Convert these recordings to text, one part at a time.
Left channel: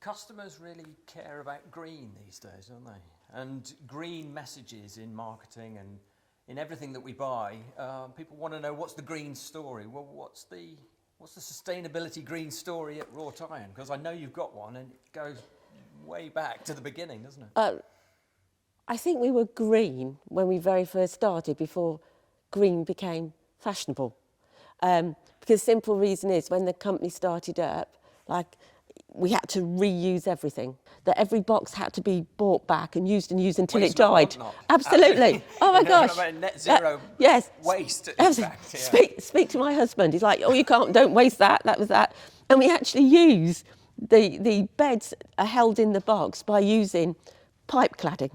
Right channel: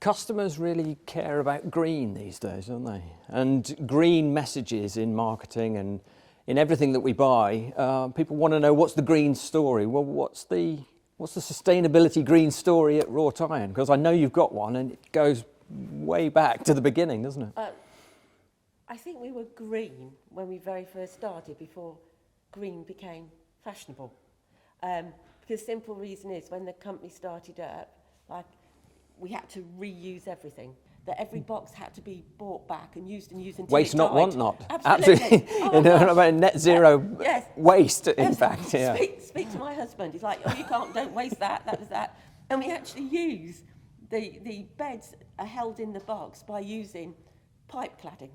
Customers really care about green these days, don't they? And green messages in marketing and in everything that we buy, people want to know, what's the green story? Well, what's the sustainability green story at Wrought Iron? Because I know you've got one, and it goes way back to the beginning, doesn't it? I think we were green when we very first started, before green became fashionable. Because the simple reason is, when the company started up, we had to reuse everything. That every box had to be bought back and used until Waste it not, died. want not. Absolutely. Oh my gosh. About net zero yes. waste, in fact. Yeah. Speak to my husband. He's like, oh, you don't waste that. That was that. And we actually use the beds are held in the box by using pipe cladding.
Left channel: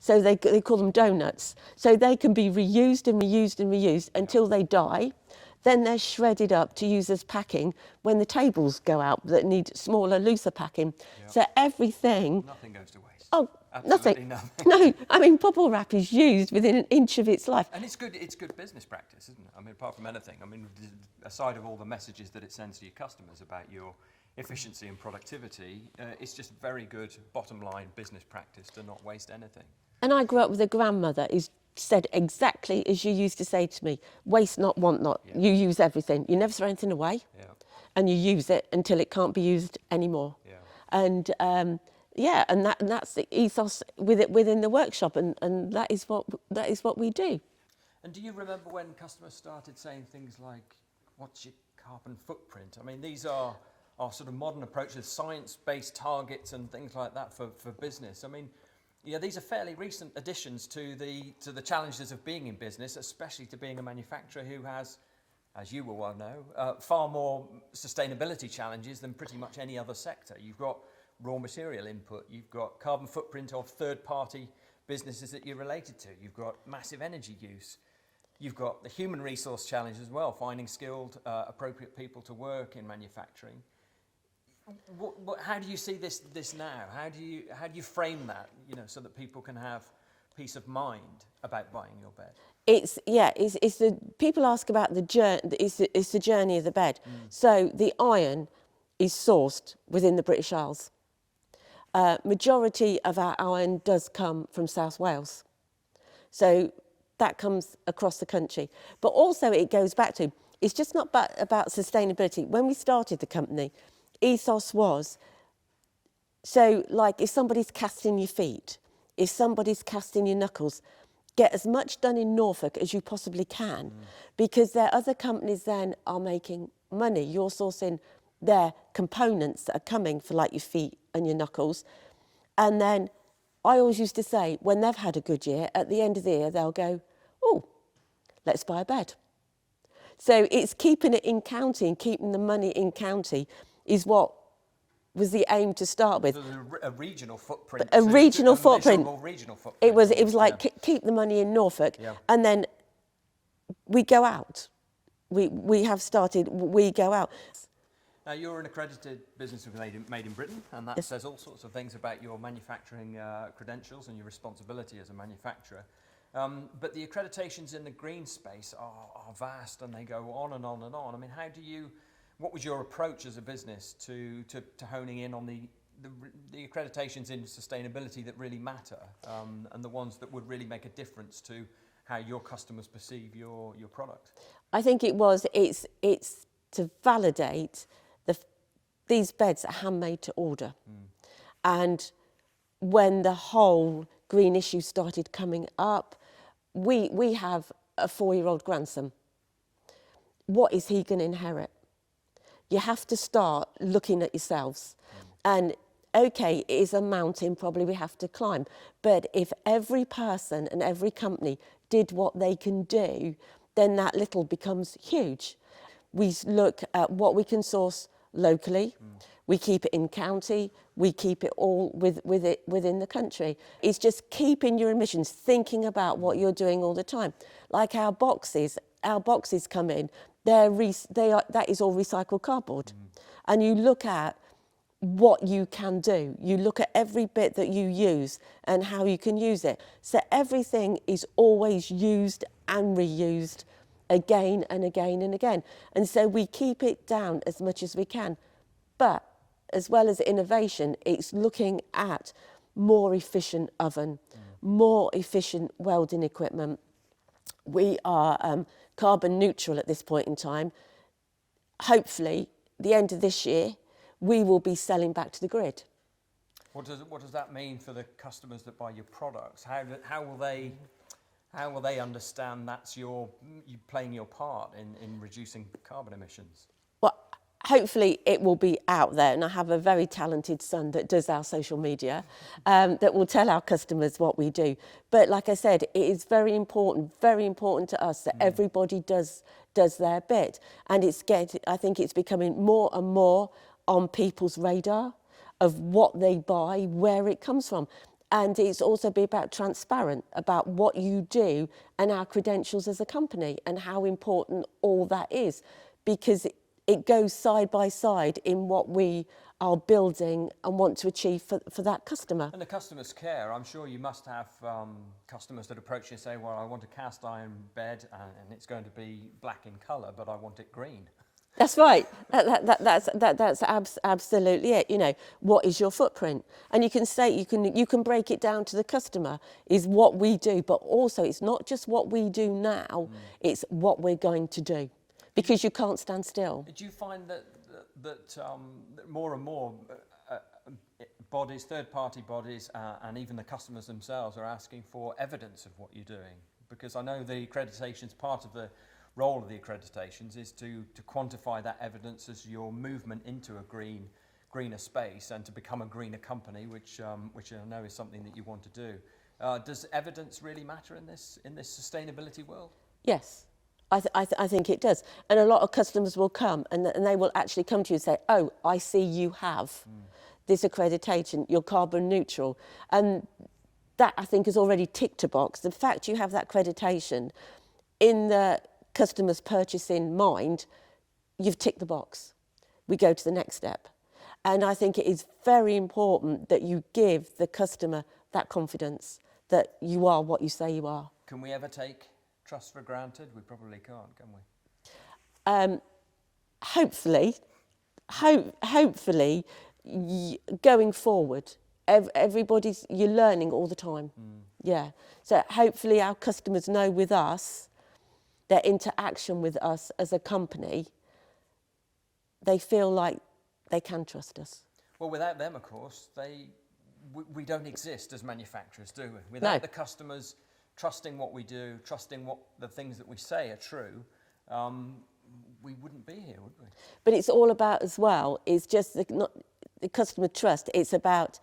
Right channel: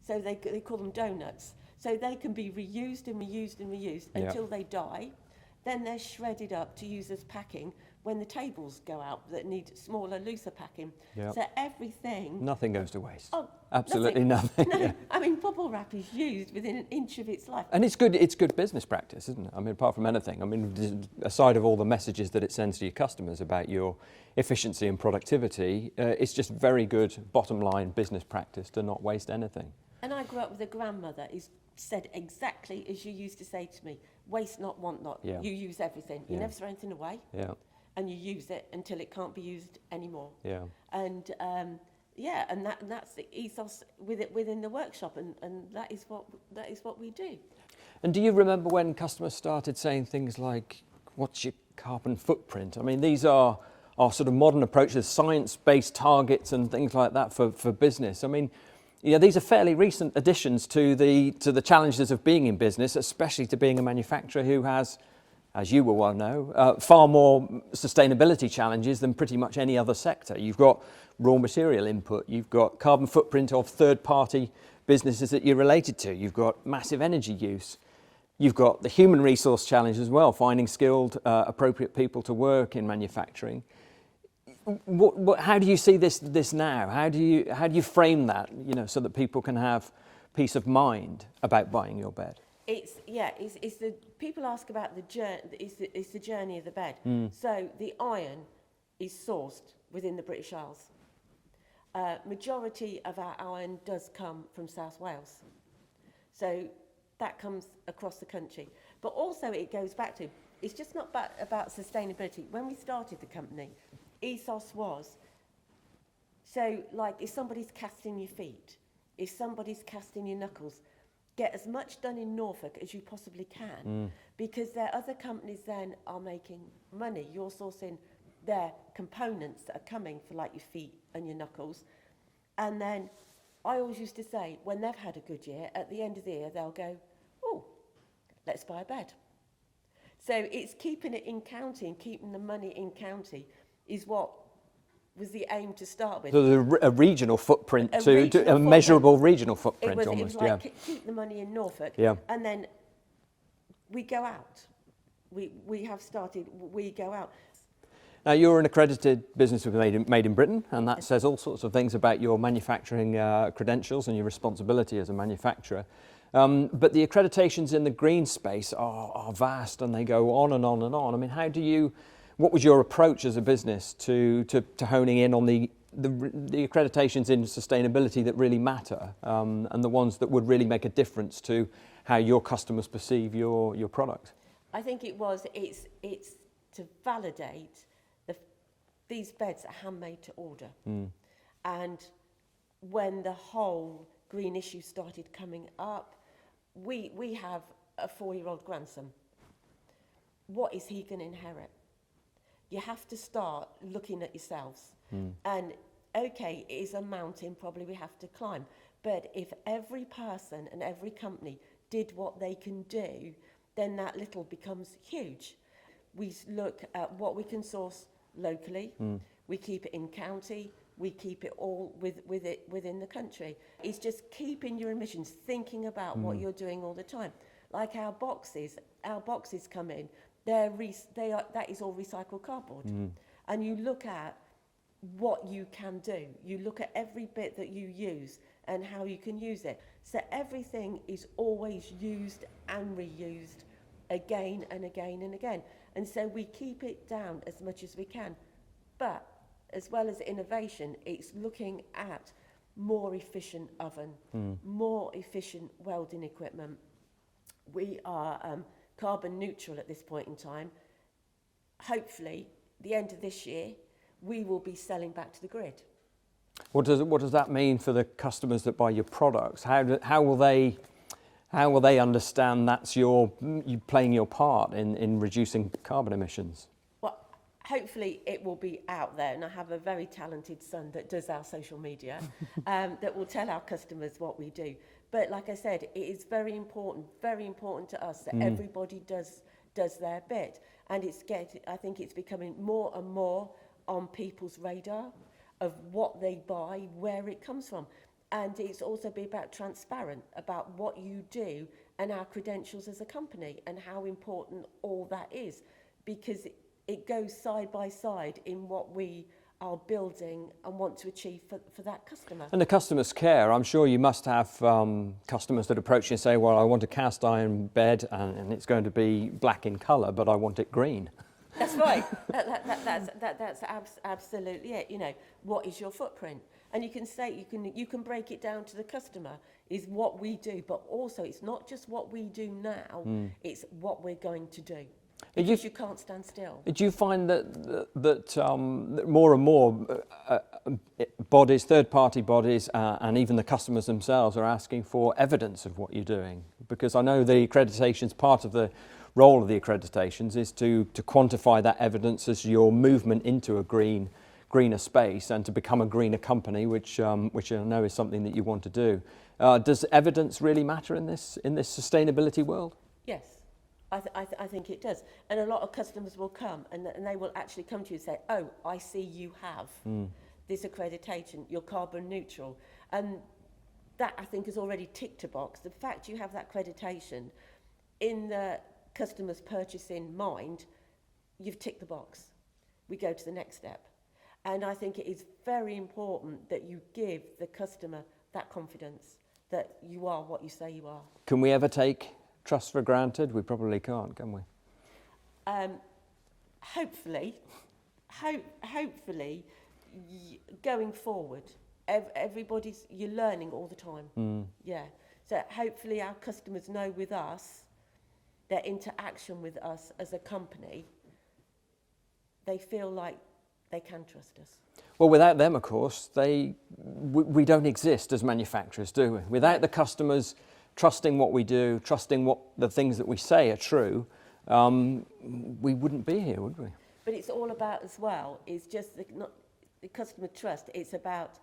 So they call them donuts. So they can be reused and reused and reused until they die. Then they're shredded up to use as packing when the tables go out that need smaller, looser packing. Yep. So everything... Nothing goes to waste. Oh, absolutely nothing. No, I mean, bubble wrap is used within an inch of its life. And it's good business practice, isn't it? I mean, apart from anything. I mean, aside of all the messages that it sends to your customers about your efficiency and productivity, it's just very good bottom line business practice to not waste anything. And I grew up with a grandmother who said exactly as you used to say to me, waste not, want not. Yeah. You use everything. You never throw anything away. Yeah. And you use it until it can't be used anymore. Yeah. And and that's the ethos within the workshop, and that is what we do. And do you remember when customers started saying things like, what's your carbon footprint? I mean, these are sort of modern approaches, science-based targets and things like that for business. I mean, you know, these are fairly recent additions to the challenges of being in business, especially to being a manufacturer who has, as you will well know, far more sustainability challenges than pretty much any other sector. You've got raw material input, you've got carbon footprint of third-party businesses that you're related to, you've got massive energy use, you've got the human resource challenge as well, finding skilled, appropriate people to work in manufacturing. How do you see this now? How do you frame that, you know, so that people can have peace of mind about buying your bed? It's the people ask about the journey. It's the journey of the bed. So the iron is sourced within the British Isles. Majority of our iron does come from South Wales. So that comes across the country. But also it goes back to, it's just not about sustainability. When we started the company, ethos was, so like if somebody's casting your feet, if somebody's casting your knuckles, get as much done in Norfolk as you possibly can, because their other companies then are making money. You're sourcing their components that are coming for like your feet and your knuckles. And then I always used to say, when they've had a good year, at the end of the year, they'll go, oh, let's buy a bed. So it's keeping it in county and keeping the money in county is what was the aim to start with. So a regional footprint, a measurable regional footprint. It was like keep the money in Norfolk, and then we go out. We go out. Now you're an accredited business made in Britain, and that says all sorts of things about your manufacturing credentials and your responsibility as a manufacturer. But the accreditations in the green space are vast, and they go on and on and on. I mean, what was your approach as a business to honing in on the accreditations in sustainability that really matter, and the ones that would really make a difference to how your customers perceive your product? I think it's to validate these beds are handmade to order. And when the whole green issue started coming up, we have a 4-year-old grandson. What is he going to inherit? You have to start looking at yourselves. And okay, it is a mountain probably we have to climb, but if every person and every company did what they can do, then that little becomes huge. We look at what we can source locally, we keep it in county, we keep it all within the country. It's just keeping your emissions, thinking about what you're doing all the time. Like our boxes come in, that is all recycled cardboard. And you look at what you can do. You look at every bit that you use and how you can use it. So everything is always used and reused again and again and again. And so we keep it down as much as we can. But as well as innovation, it's looking at more efficient oven, more efficient welding equipment. We are carbon neutral at this point in time. Hopefully, the end of this year, we will be selling back to the grid. What does that mean for the customers that buy your products? How will they understand that's you playing your part in reducing carbon emissions? Well, hopefully it will be out there, and I have a very talented son that does our social media that will tell our customers what we do. But like I said, it is very important to us that everybody does their bit, and I think it's becoming more and more on people's radar of what they buy, where it comes from. And it's also be about transparent about what you do and our credentials as a company and how important all that is, because it goes side by side in what we are building and want to achieve for that customer. And the customers care. I'm sure you must have customers that approach you and say, well, I want a cast iron bed and it's going to be black in colour, but I want it green. That's right. That's absolutely it. You know, what is your footprint? And you can say, you can break it down to the customer, is what we do, but also it's not just what we do now, it's what we're going to do. Because you can't stand still. Do you find that more and more bodies, third-party bodies, and even the customers themselves are asking for evidence of what you're doing? Because I know the accreditations, part of the role of the accreditations is to quantify that evidence as your movement into a greener space and to become a greener company, which I know is something that you want to do. Does evidence really matter in this sustainability world? Yes. I think it does. And a lot of customers will come and they will actually come to you and say, oh, I see you have this accreditation, you're carbon neutral. And that, I think, is already ticked a box. The fact you have that accreditation in the customer's purchasing mind, you've ticked the box. We go to the next step. And I think it is very important that you give the customer that confidence that you are what you say you are. Can we ever take trust for granted? We probably can't, can we? Hopefully, going forward, you're learning all the time. Yeah. So hopefully our customers know with us, their interaction with us as a company, they feel like they can trust us. Well, without them, of course, we don't exist as manufacturers, do we? Without the customers trusting what we do, trusting what the things that we say are true, we wouldn't be here, would we? But it's all about, as well, is just not the customer trust. It's about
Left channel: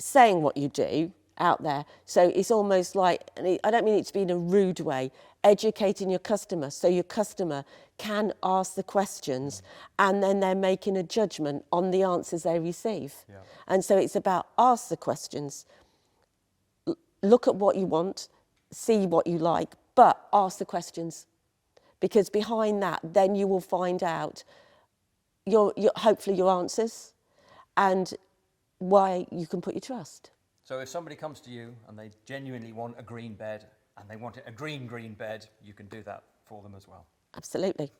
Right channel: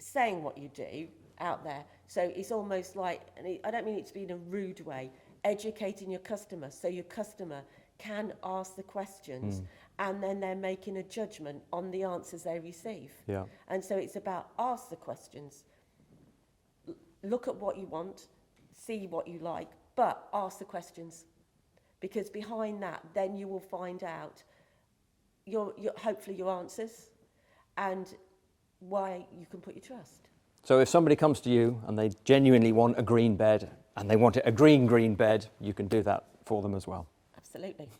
saying what you do out there. So it's almost like, and I don't mean it to be in a rude way, educating your customer so your customer can ask the questions and then they're making a judgment on the answers they receive. Yeah. And so it's about ask the questions, look at what you want, see what you like, but ask the questions. Because behind that, then you will find out hopefully your answers and why you can put your trust. So if somebody comes to you and they genuinely want a green bed and they want it a green bed, you can do that for them as well. Absolutely.